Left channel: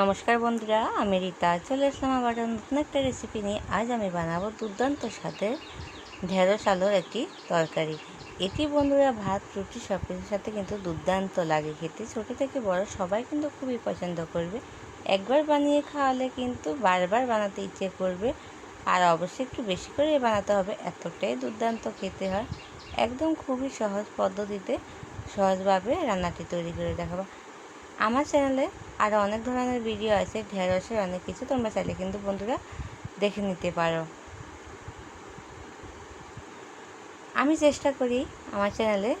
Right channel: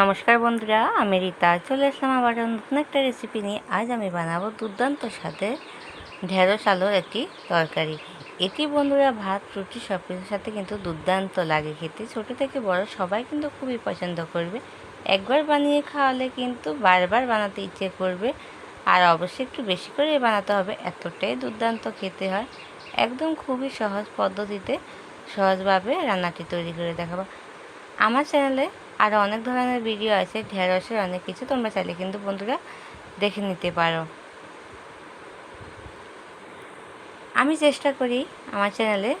নমস্কার বন্ধুরা, আমি রীতা চলে আসলাম আবার নতুন একটা রেসিপি নিয়ে। আজ আমি বানাবো দুর্দান্ত স্বাদে ঢেঁড়স আলুর একটি তরকারি। এটি বন্ধুরা ভাত, রুটি সব কিছুর সাথে কিন্তু দুর্দান্ত লাগে খেতে। ছোটো থেকে বড় সবাই কিন্তু খুবই পছন্দ করবে। একবার বানিয়ে খাওয়ালে কিন্তু বারবার বানাতে ইচ্ছে করবে। আর অবশ্যই একটু বেশি করে বানাতে হবে, এতটাই দুর্দান্ত খেতে হয়। একদম খুবই সহজ পদ্ধতিতে সহজভাবে রান্নাটি তৈরি করে দেখাবো। আমার চ্যানেলে আরও অনেক ধরনের ভিডিও আছে, ঢেঁড়সের অনেক কিছু, তোমরা চাইলে কিন্তু বন্ধুরা দেখে নিতে পারো। আমি চেষ্টা করি আমার চ্যানেলে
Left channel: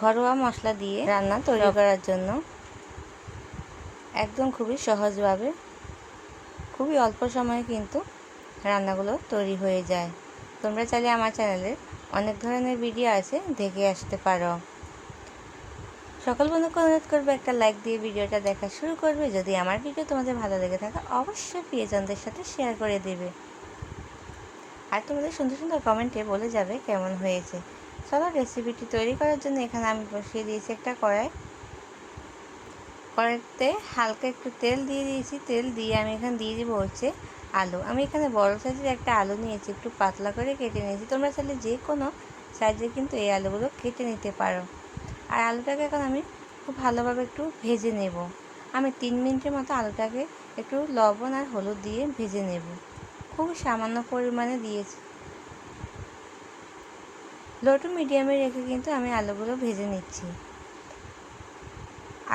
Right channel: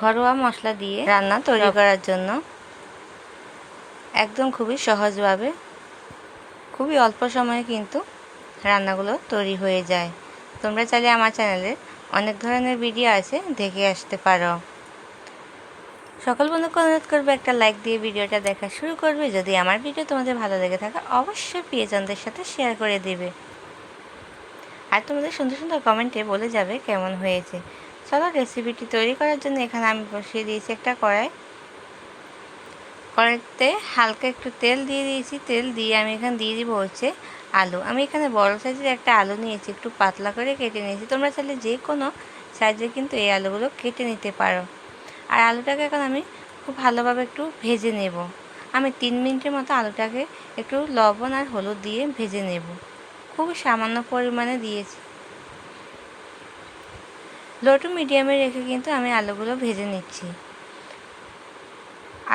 ঘরোয়া মশলা দিয়ে রান্না তৈরি করার জন্য, একদম খুবই সহজভাবে, খুবই অল্প সময়ে কিন্তু রান্নাগুলো তৈরি হয়ে যায়। তোমরা চাইলে আমার চ্যানেলে অনেক ধরনের ভিডিও আছে, দেখে আসতে পারো। সকল বন্ধুকে অনুরোধ করবে একটা লাইক দিয়ে ভিডিওটা দেখা শুরু করবে। যদি আমার ভিডিও তোমাদের ভালো লেগে থাকে অবশ্যই প্রিয়জনদের সাথে শেয়ার করে দেবে, আর তোমাদের সুন্দর সুন্দর কমেন্টে বলে যাবে কেমন হয়েছে। চলো রেসিপিটি তৈরি করার জন্য এখানে আমি বসিয়ে দিয়েছি একটা কড়াইতে হালকা একটু তেল দিয়ে দিয়েছি। তেল দিয়ে আমি এখানে দিয়ে দিব হচ্ছে আলু। আমি এখানে বড় সাইজের একটা আলু নিয়েছি, একটু পাতলা করে কেটে নিয়েছি। তোমরা চাইলে যে কোনো সাইজের কিন্তু এই আলুগুলো কেটে নিতে পারো। আর আলুটাকে এখন আমি খুব ভালোভাবে একটু ভেজে নেব। আমি 3 মিনিটের মতো আলুটাকে একটু লবণ আর হলুদ দিয়ে ভেজে নেব। খুব সামান্য পরিমাণে দিয়েছি। লো টু মিডিয়ামে রেখে কিন্তু আমি আলুগুলো ভেজে নিচ্ছি।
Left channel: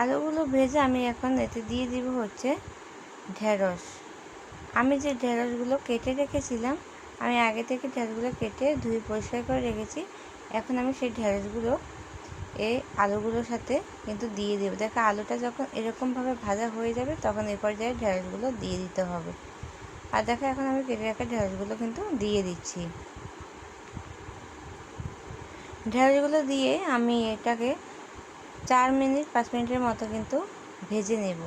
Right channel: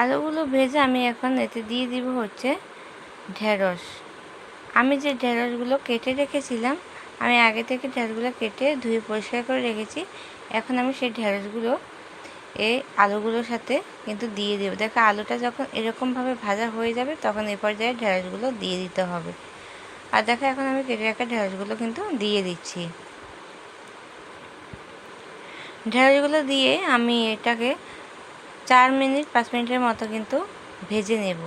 আলুগুলো ভেজে আমি এখন এতে দিয়ে দিব হচ্ছে ঢেঁড়স। আমি যে ঢেঁড়সগুলো কেটে রেখেছিলাম, আমি আগে থেকে ঢেঁড়সগুলো কেটে ধুয়ে পরিষ্কার করে রেখেছি। এখন আমি সেই ঢেঁড়সগুলো এই আলুগুলোর সাথে কিন্তু দিয়ে দেবো। দেখো আলুটা যখন এরকমভাবে ভাজা হয়ে যাবে তখন এই পর্যায়ে ঢেঁড়সগুলো দিয়ে দিতে হবে। আর দেখো এখন আমি কেটে রাখা ঢেঁড়সগুলো কিন্তু দিয়ে দিচ্ছি। ঢেঁড়সগুলো দিয়ে আমি এটাকে 5 মিনিটের মতো কিন্তু ভেজে নেব।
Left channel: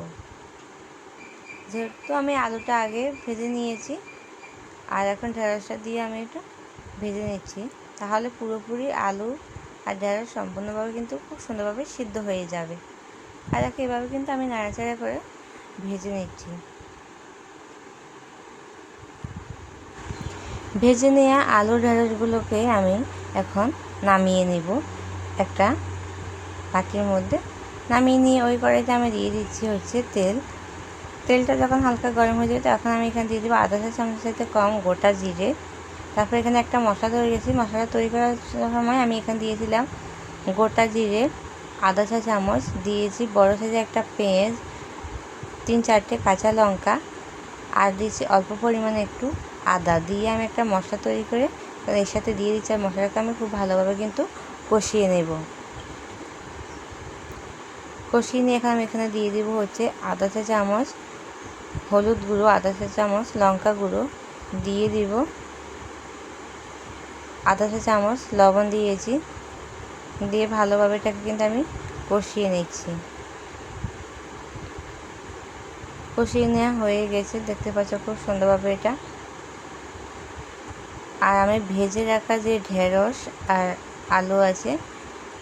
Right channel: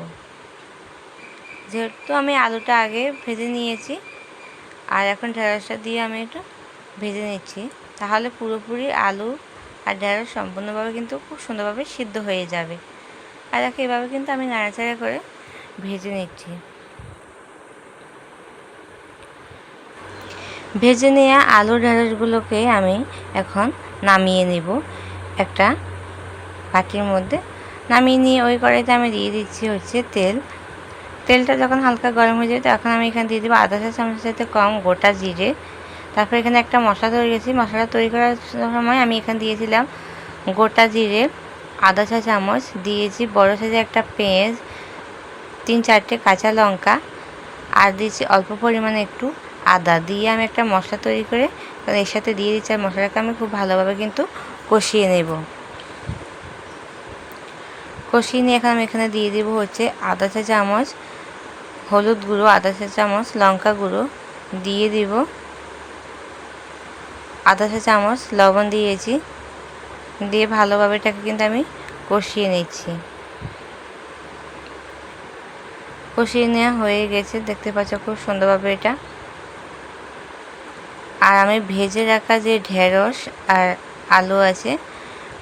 যেহেতু আমি আলুটা আগে ভেজে নিয়েছি, আর এখন ঢেঁড়সটা দিয়ে আমি একটু ভেজে নিচ্ছি, তাহলে পুরোপুরি আলু আর ঢেঁড়স সম্পূর্ণভাবে কিন্তু খুব সুন্দরভাবে সিদ্ধ হয়ে যাবে। আর দেখো এভাবে কিন্তু আমি নাড়াচাড়া করে ভেজে নিচ্ছি। ভেজে নেওয়া আলু ঢেঁড়সগুলোকে আমি এখন নামিয়ে নেব। একটা বাটির মধ্যে নামিয়ে নিয়ে ওই কড়াইতে আমি দিয়ে দিচ্ছি হচ্ছে তেলটা যখন হালকা গরম হয়ে যাবে তখন আমি এখানে দিয়ে দেবো আধা চা চামচের সাথে কম গোটা জিরে। তারপর এখানে একটা মশলা তৈরি করেছি। মশলাটা তৈরি করার সময় আমি এখানে দিয়েছিলাম গোটা জিরে আধা চা চামচ, দিয়েছি বড় সাইজের একটা পেঁয়াজ, 3-4টে কাঁচা লঙ্কা, আর দিয়েছি অল্প পরিমাণে একটু আদা। দিয়ে আমি একটা মশলা তৈরি করে এর সাথে দিয়ে দিচ্ছি। আর মশলাটাকে আমি খুব ভালোভাবে কিন্তু কষিয়ে নেব। কষিয়ে নিয়ে এখন আমি এখানে দিয়ে দেবো হচ্ছে আধা চা চামচ হলুদ গুঁড়ো, আধা চা চামচ লঙ্কা গুঁড়ো, দিয়ে দিব আধা চা চামচ লবণ দিয়েছি। দিয়ে ভালোভাবে এটাকে কিন্তু আমি কষিয়ে নিচ্ছি। কষিয়ে নেওয়া হয়ে গেছে, দেখতে পাচ্ছ খুব সুন্দরভাবে এটা। আর আমি ভেজে রাখা যে ঢেঁড়স আর আলু আছে,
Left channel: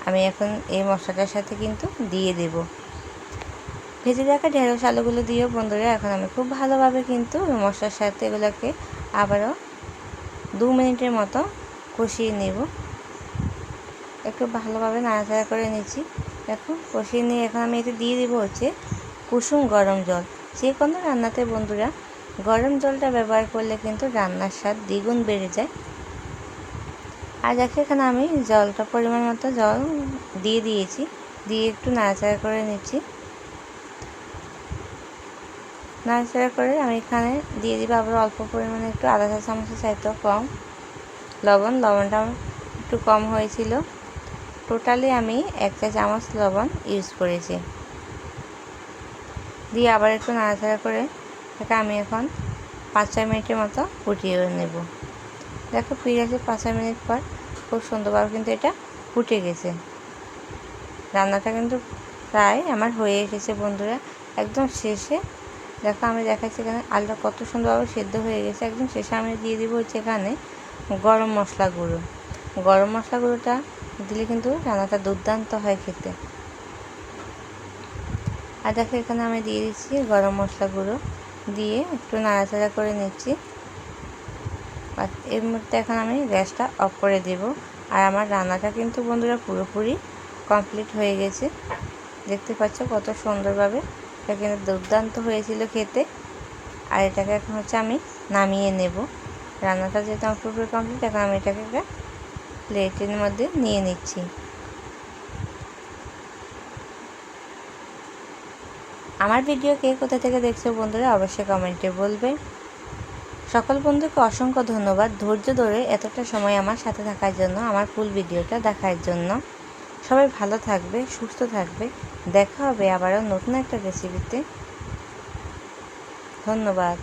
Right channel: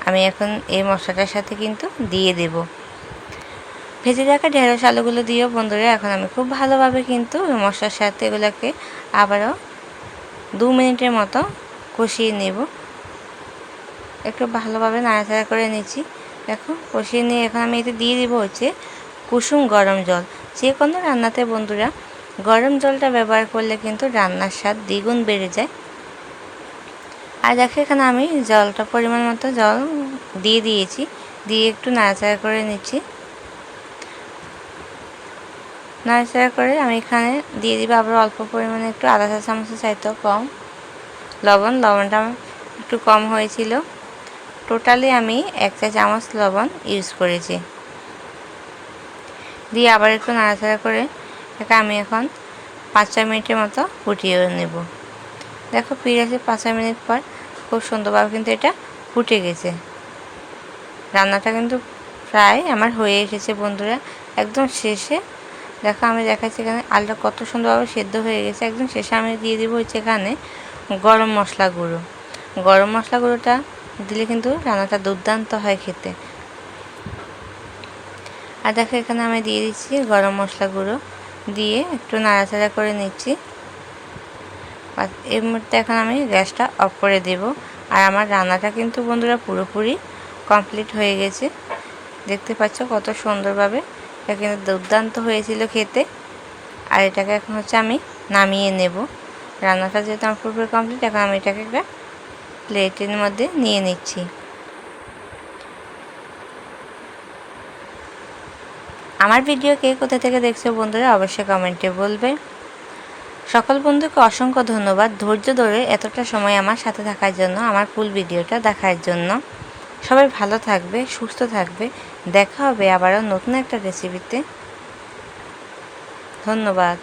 আমি এখন এই মশলাটার সাথে কিন্তু দিয়ে দেব। ভেজে রাখা ঢেঁড়স আলুগুলো দিয়েও বন্ধুরা এখন আমি খুব ভালোভাবে কিন্তু মশলার সাথে এগুলোকে আবারও 2 মিনিটের মতো কষিয়ে নেব। একটু ভালোভাবে নাড়াচাড়া করে নিচ্ছি। দেখো কষিয়ে নিয়ে এখন আমি এতে দিয়ে দিব হচ্ছে কুসুম গরম জল। যে কোনো রান্নাতে বন্ধুরা গরম জলটা ব্যবহার করলে কিন্তু রান্নার স্বাদ দ্বিগুণ বেড়ে যায়। আর দেখো এখানে আমি জলটা পরিমাণ মতো জল দিয়ে দিয়েছি। দিয়ে একটু নাড়াচাড়া করে নিচ্ছি। নাড়াচাড়া করে আমি এখানে দিয়ে দিব আবার অল্প পরিমাণে একটু আধা চা চামচের চাইতেও কম লবণটা একটু কম হয়েছিল। টোটালি আমি 1 চা চামচ লবণ ইউজ করেছি। দিয়ে আবার একটু নাড়াচাড়া করে এটা আমি এখন 5-6 মিনিটের মতো ফুটিয়ে নেব। দেখো ফিরে আসে 5-6 মিনিট পর খুব সুন্দরভাবে কিন্তু এটা ফুটে গেছে। রান্নাটা কিন্তু প্রায় আমার হয়ে এসেছে বন্ধুরা। একদম শেষে দেখো আমি দেখাচ্ছি এখানে আলুটা কত সুন্দরভাবে সেদ্ধ হয়ে গেছে। একদম শেষে আমি দিয়ে দিব হচ্ছে এখানে গরম মশলা গুঁড়ো। গরম মশলা গুঁড়োটা দিলে কিন্তু রান্নাটা দুর্দান্ত হয় খেতে। আর দেখো এখানে আমি দিয়ে দিচ্ছি গরম মশলা গুঁড়ো, দিয়ে একটু নাড়াচাড়া করে নিচ্ছি। আর এই মুহূর্তে এখন আমি গ্যাসটা অফ করে দেব। আর আমার রান্নাটা কিন্তু বন্ধুরা পুরোপুরি কমপ্লিট হয়ে গেছে। দেখতে পাচ্ছ কত সুন্দরভাবে, এটা কিন্তু দুর্দান্ত হয়েছিল খেতে। আর এটাকে এখন হচ্ছে আমি নামিয়ে নেব। রান্নাটা যেহেতু আমার পুরোপুরি কমপ্লিট, এখন আমি এটাকে একটা প্লেটের মধ্যে নিয়ে নিচ্ছি। আমার ভিডিও কে কোথা থেকে দেখছো বন্ধুরা অবশ্যই কমেন্টে বলবে। সকল বন্ধুকে অসংখ্য ধন্যবাদ ধৈর্য ধরে এতটা সময় আমার সাথে থাকার জন্য, আমার ফুল ভিডিওটা দেখার জন্য। সবাই ভালো থাকবে, সুস্থ থাকবে। দেখা হবে আবারও নতুন একটা রেসিপিতে। ধন্যবাদ।